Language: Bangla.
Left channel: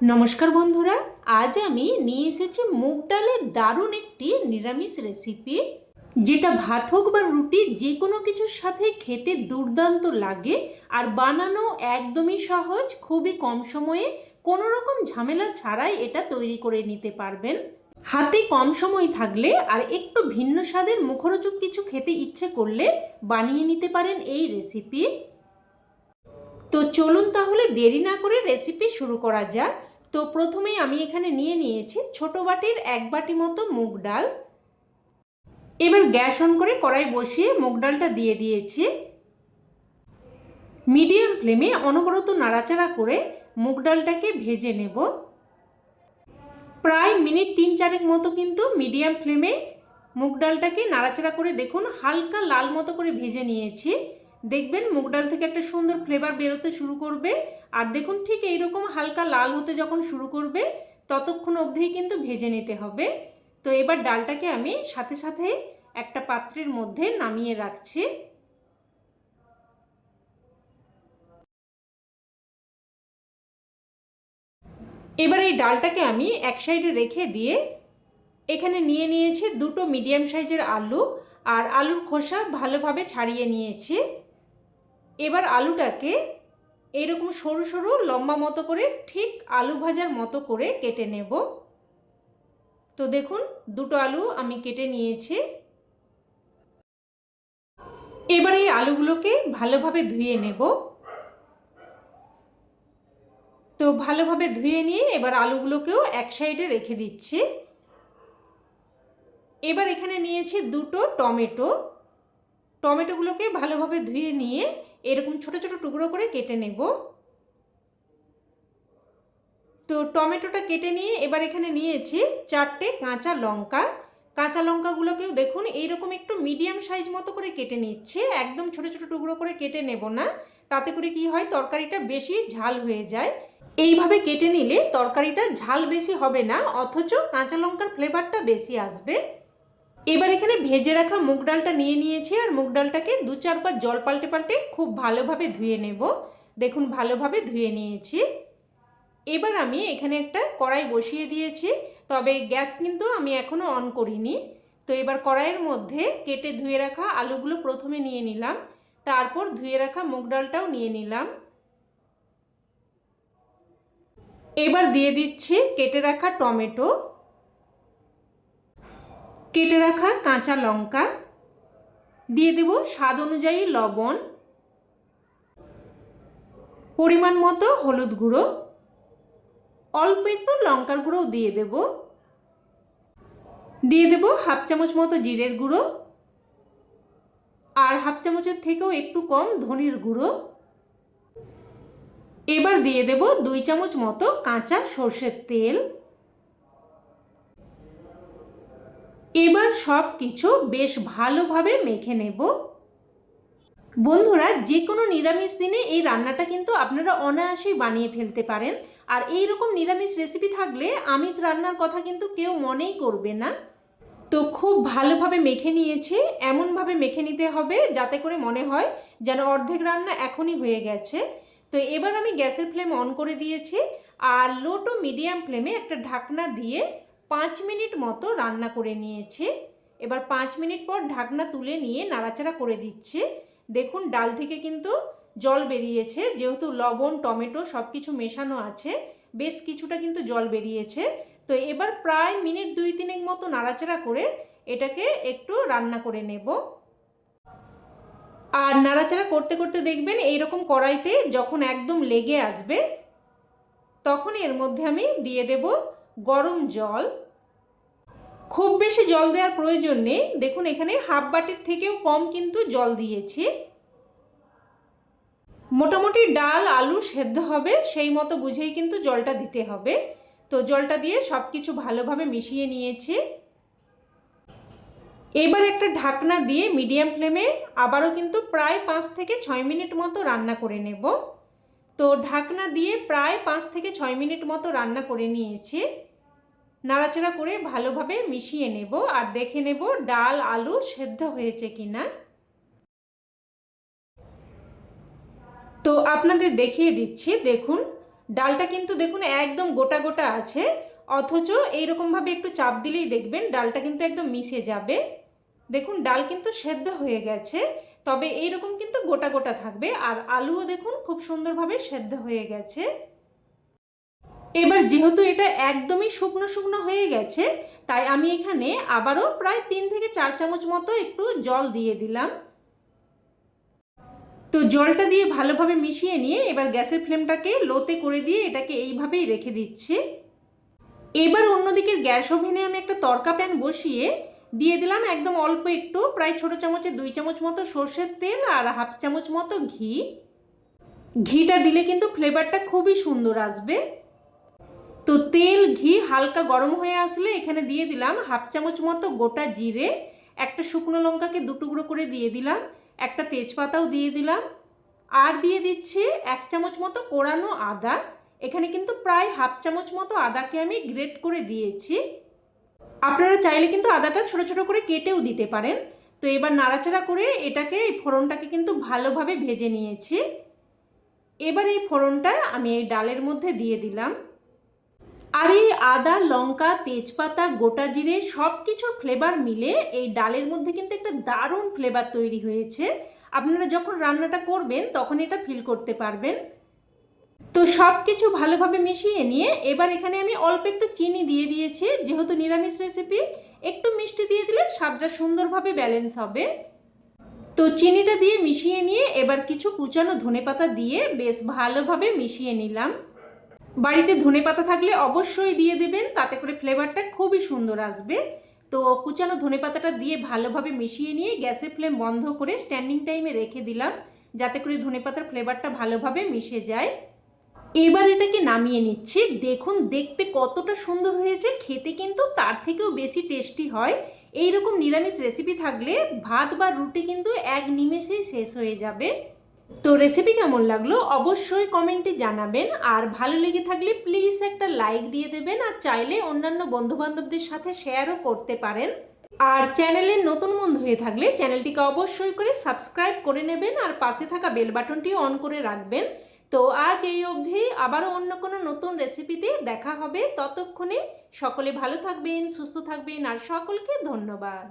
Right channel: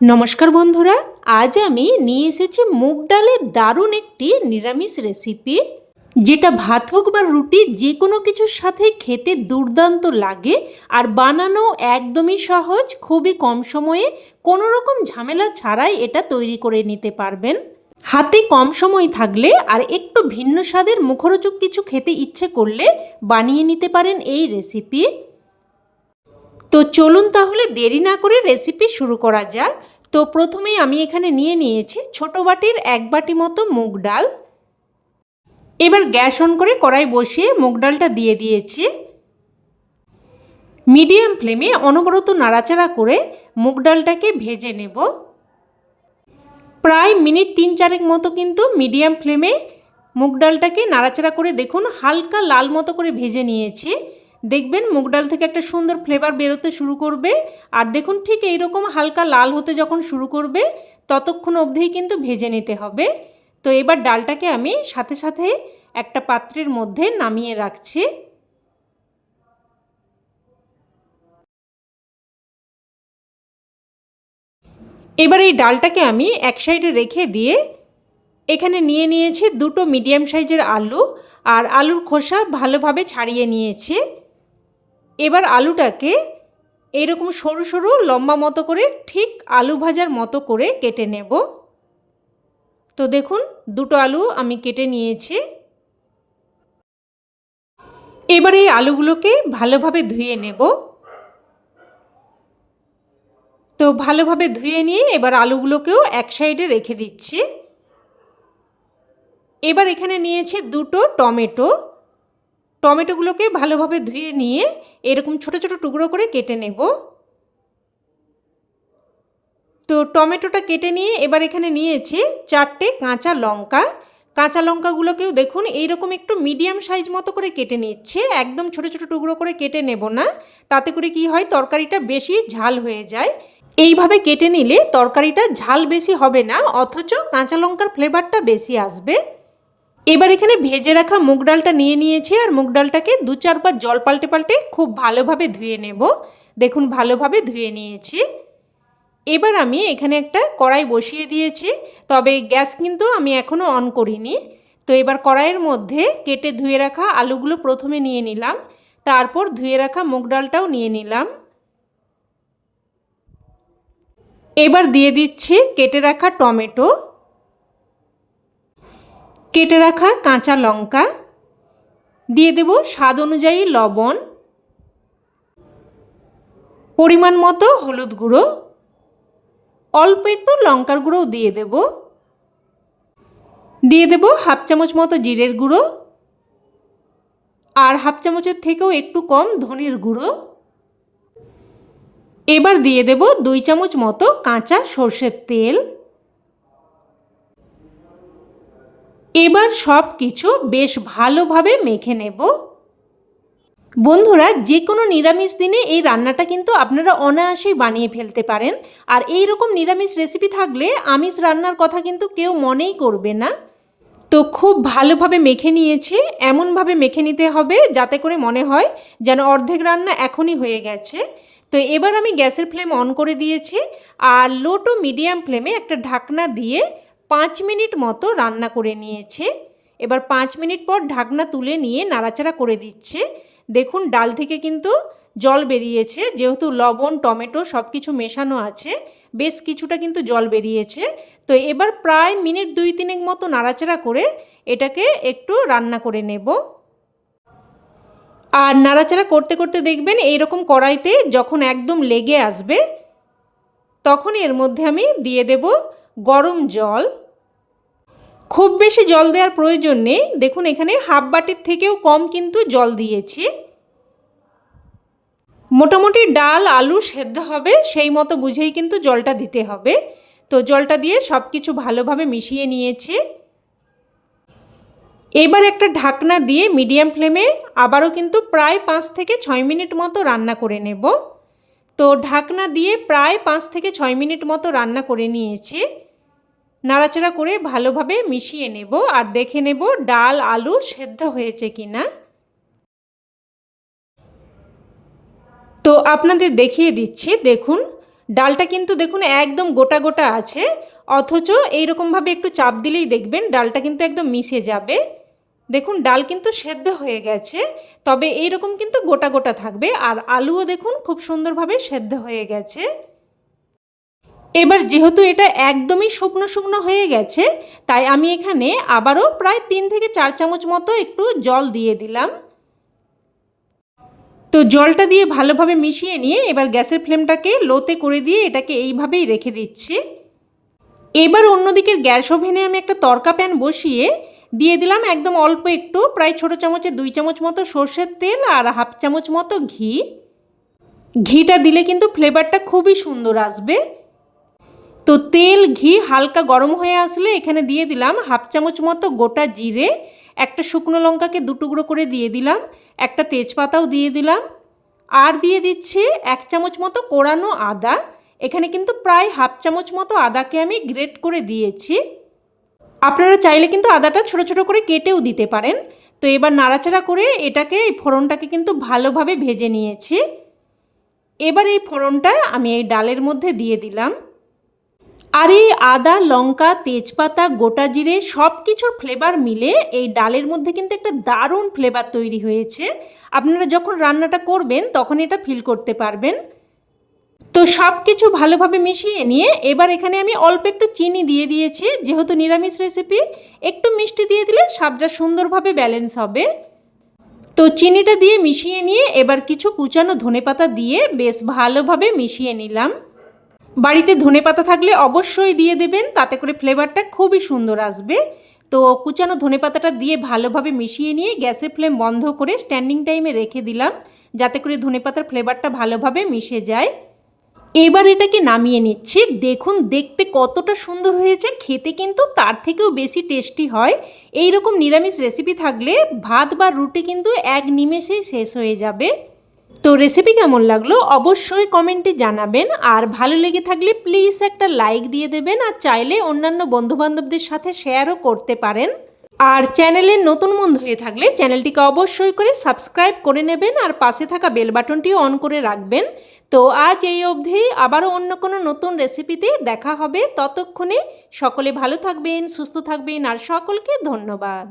নমস্কার বন্ধুরা, আজ আমি নিয়ে এসেছি মুগ ডালের দারুণ একটি নিরামিষ রেসিপি, যেটা ভাত হোক বা রুটি যে কোনো কিছুর সাথে খেতে দুর্দান্ত লাগে। আর বানানো একদমই সহজ, খুবই কম সময়ে কোনো রকম ঝামেলা ছাড়াই এটা তৈরি করে নিতে পারবেন। হাতে কম সময় থাকলে আর একটু ভিন্ন স্বাদের মুখরোচক কিছু খেতে ইচ্ছে করলে বানিয়ে নিতে পারেন এই রেসিপি। তো চলুন তাহলে দেরি না করে রেসিপি শুরু করা যাক। তো প্রথমেই আমি এখানে নিয়ে নিয়েছি ছোট বাটির 1 বাটি মতো মুগ ডাল। এবার গ্যাস অন করে কড়াই বসিয়ে মুগ ডালটা দিয়ে দিয়েছি। মিডিয়াম ফ্লেমে অনবরত নাড়াচাড়া করে মুগ ডালটাকে ভেজে নেব। প্রায় মিনিট 3-4 মতো কিন্তু মিডিয়াম ফ্লেমে মুগ ডালটাকে নাড়াচাড়া করে দেখুন হালকা লাল মতো করে ভেজে নিয়েছি। দেখবেন মুগ ডাল থেকে একটা সুন্দর ফ্লেভার বেরোতে শুরু করবে। আর দেখুন ঠিক এইরকম হালকা লাল হতে যখন শুরু করবে ততক্ষণ অবধিই কিন্তু ভেজে নিতে হবে। তো এবার ডালটাকে আমি সাথে সাথে একটা পাত্রের মধ্যে নামিয়ে রাখছি। এবার এই ডালটাকে আমি এক সাইডে রেখে দিয়ে এখানে নিয়ে নিয়েছি দুটো মিডিয়াম সাইজের আলু, আর আলুর খোসা ভালোভাবে ছাড়িয়ে নিয়েছি। এবার আলুটাকে এইরকম সরু সরু লম্বা মতো করে ঠিক আলু ভাজার মতো করে কেটে নেব। তো দেখুন দুটো আলু আমি কেটে নিয়েছি। এবার এই আলুগুলোকে ভালোভাবে ধুয়ে নেব। তো ভালোভাবে ধুয়ে নিয়ে এবার আলুগুলোকেও এক সাইডে রেখে দিচ্ছি। এবার এখানে নিয়েছি দুটো টমেটো। টমেটোগুলোকে ভালোভাবে ধুয়ে নিয়ে এরকম ছোট ছোট টুকরো করে কেটে নেব। তো টমেটোটা কেটে নিয়ে এবার এখানে নিয়েছি 4টে কাঁচা লঙ্কা। কাঁচা লঙ্কাগুলোকেও দেখুন এইরকম একটু মিডিয়াম সাইজ মতো করে কেটে নিচ্ছে, একদম ছোট ছোট টুকরো করে কেটে নেব না, তাতে করে কি হয় তরকারিটা বেশি ঝাল হয়ে যায়। এইভাবে কেটে নিলে তরকারিটা ঝাল বেশি হবে না, অথচ কাঁচা লঙ্কার ফ্লেভারটা বেশি আসবে। এবার এখানে ভেজে রাখা মুগ ডালটা নিয়ে নিয়েছি, আর মুগ ডালটাকে 2-4 বার জল পাল্টে পাল্টে খুব ভালোভাবে ধুয়ে নেব। দেখুন ভালোভাবে ধুয়ে নিয়েছি। এবার আমি এখানে একটা কড়াই বসিয়ে দিয়েছি, তবে গ্যাস কিন্তু আমি এখনও অন করিনি। তো এবার কড়াইয়ের মধ্যে কেটে ধুয়ে রাখা আলুগুলো প্রথমে নিয়ে নিলাম, তারপর ধুয়ে রাখা মুগ ডালটাও নিয়ে নিলাম। এবার দিয়ে দিচ্ছি কেটে রাখা টমেটো, কেটে রাখা কাঁচা লঙ্কা, দিয়ে দেব স্বাদ অনুযায়ী লবণ, পরিমাণ মতো হলুদ গুঁড়ো, অল্প একটু লঙ্কার গুঁড়োও দিয়ে দেব, দিয়ে দেব হাফ চামচ মতো জিরের গুঁড়ো, আর হাফ চামচের থেকেও একটু কম ধনের গুঁড়ো। এবার দিয়ে দেব 2 চামচ মতো কাঁচা সর্ষের তেল। এবার সব কিছু বেশ ভালোভাবে মেখে নেব। বন্ধুরা, যে কোনো নিরামিষ দিনে এই রান্নাটা কিন্তু আপনারা অনায়াসেই বানিয়ে ফেলতে পারেন। আর এই রকম নিরামিষ রেসিপি থাকলে আমিষ রান্নার কথা কিন্তু কেউ মনেই করবে না। তো খুব ভালোভাবে মেখে নিয়েছি, এমনভাবে মেখে নিতে হবে যাতে করে মনে হয় যেন অর্ধেক রান্না এখনই হয়ে গেছে। তো এবার আমি গ্যাসের ফ্লেম অন করে দিয়েছি, আর লো টু মিডিয়াম ফ্লেমে একটা ঢাকনা দিয়ে 5 মিনিট মতো রান্না করে নিয়েছি। এবার 5 মিনিট পর ঢাকনা তুলে নিয়ে নাড়াচাড়া করে দিচ্ছে। দেখুন ডাল থেকে কিন্তু জল বেরিয়েছে, যেহেতু লবণ টমেটো সব কিছু মেশানো আছে, বেশ কিছুটা কিন্তু জল বেরিয়েছে। তো এবার প্রায় মিনিট 2-3 মতো নাড়াচাড়া করে এটাকে একটু রান্না করে নেব। আর নাড়াচাড়া করতে করতে দেখবেন এইরকম কড়াইতে যখন একদম লেগে আসবে তখন এর মধ্যে আমি দিয়ে দেব গরম জল। খুব বেশি জল দেওয়ার প্রয়োজন নেই, দেখুন এখানে হাফ বাটির থেকেও কম কিন্তু জল দিয়েছি। মোটামুটি ডাল আলু সেদ্ধ হবে সেই মতো বুঝেই কিন্তু জলটা দিতে হবে। তো জলটা দিয়ে সব কিছু ভালোভাবে মিশিয়ে নিয়েছি। এবার একটা ঢাকনা দিয়ে মিডিয়াম ফ্লেমে আবারও কিন্তু প্রায় 5 থেকে 6 মিনিট মতো রান্না করে নেব। তো ঢাকনা দিয়ে প্রায় 5 থেকে 6 মিনিট মতো রান্না করে নিয়েছি। নাড়াচাড়া করে ভালোভাবে মিশিয়ে নেব আর দেখে নেব ডাল আলু সেদ্ধ হয়েছে কিনা। তো আপনাদের দেখিয়ে দিচ্ছি, দেখুন ডালটা কিন্তু দেখুন একদম গোটা গোটা আছে, অথচ এইরকমভাবে একটু চাপ দিলেই দেখবেন ডালটা কিন্তু একদম মিশে যাবে। দেখুন ডাল কিন্তু সেদ্ধ হয়ে গেছে, তবে এইরকম কিন্তু গোটা গোটা থাকবে। আর আলুও দেখুন খুব সুন্দরভাবে সেদ্ধ হয়ে গেছে। এবার যেহেতু এটা একদমই শুকনো শুকনো হয়ে গেছে, তাই আমি এখানে আবারও প্রায় 3 থেকে 4 চামচ মতো একটু জল দিয়ে দিলাম। তো জলটা দিয়ে ভালোভাবে মিশিয়ে নিয়ে এবার গ্যাসের ফ্লেমটাকে লোতে করে দিয়ে এটাকে এইভাবেই রেখে দিচ্ছি। এবার অন্যদিকের গ্যাস ওভেনে আমি একটা তড়কা প্যান বসিয়ে দিয়ে দিলাম একদম অল্প একটু, প্রায় ছোটো চামচে 2 চামচ মতো সর্ষের তেল আর হাফ চামচ মতো ঘি। ঘিটা দিলে কিন্তু ফ্লেভারটা খুবই সুন্দর আসবে। তো তেল ঘি হালকা গরম হয়ে আসলে এখানে দিয়ে দিলাম হাফ চামচ মতো গোটা জিরে, একটা শুকনো লঙ্কাকে 2 টুকরো করে দিয়ে দিলাম, একটা তেজপাতাও দিয়ে দিলাম, আর দিয়ে দিচ্ছি 1 চামচ মতো কোড়ানো আদা। এখানে কিন্তু প্রায় হাফ চামচ মতো আদাকে আমি গ্রেট করে দিয়েছি। আপনারা চাইলে কিন্তু আদাটা ছোট ছোট করে কেটেও দিতে পারেন। তো এবার নাড়াচাড়া করে এটাকে, এই ফোড়নটাকে কিন্তু ভালোভাবে ভেজে নিয়েছি। এবার এই ফোড়নটা আমি এই ডালের মধ্যে দিয়ে দিলাম। আর এই আদা, লঙ্কা, তেজপাতা, গোটা জিরে সব কিছুর ফ্লেভার মিলে এই ডালের মধ্যে কিন্তু একটা দারুণ ফ্লেভার তৈরি হয়েছে। আপনারা যখন রান্নাটা করবেন তখন এটা ফিল করতে পারবেন। তো সব কিছু ভালোভাবে মিশিয়ে নিয়ে এবার এখানে আমি অল্প একটু চিনি দিয়ে দিয়েছি, যেহেতু নিরামিষ রেসিপি একটু মিষ্টি দিয়ে দিলে স্বাদটা সুন্দরভাবে ব্যালেন্স হবে। তো চিনিটা দিয়ে মিশিয়ে নিয়ে এবার কিছু কুচানো ধনেপাতা দিয়ে বেশ ভালোভাবে মিশিয়ে নিলাম। বাড়িতে ধনেপাতা থাকলে অবশ্যই দিয়ে দেবেন, তাতে করে ফ্লেভারটা খুবই সুন্দর আসবে। তো কুচানো ধনেপাতাটা দিয়ে ভালোভাবে মিশিয়ে নিয়ে গ্যাসের ফ্লেম বন্ধ করে স্ট্যান্ডিং টাইমে রেখে দিলাম, যাতে করে ধনেপাতার ফ্লেভারটা ভালোভাবে মিশে যায়। এবার এটাকে নামিয়ে নিচ্ছি। দেখুন দেখতে কতটা সুন্দর হয়েছে, খেতে কিন্তু তার থেকেও বেশি টেস্টি হয়। এই রকম নিরামিষ রেসিপি থাকলে ভাত বা রুটি কিন্তু এক নিমেষেই শেষ হয়ে যাবে। তো রেসিপি কেমন লাগলো অবশ্যই কমেন্টে জানাবেন, আর ভালো লেগে থাকলে প্লিজ একটা লাইক দিয়ে দেবেন, আর চাইলে অন্যান্য বন্ধুবান্ধবদের সাথে শেয়ারও করতে পারেন। আর চ্যানেলের নতুন বন্ধু হয়ে থাকলে চ্যানেলটিকে অবশ্যই করে সাবস্ক্রাইব করে নেবেন, আর পাশে থাকা বেল বাটনটিও অন করে রাখবেন। তো আজ এই অবধি, আবারও অন্য কোনো নতুন রেসিপিতে দেখা হবে। ততক্ষণে সকলে ভালো থাকবেন, সুস্থ থাকবেন, আর সকলকে ধন্যবাদ।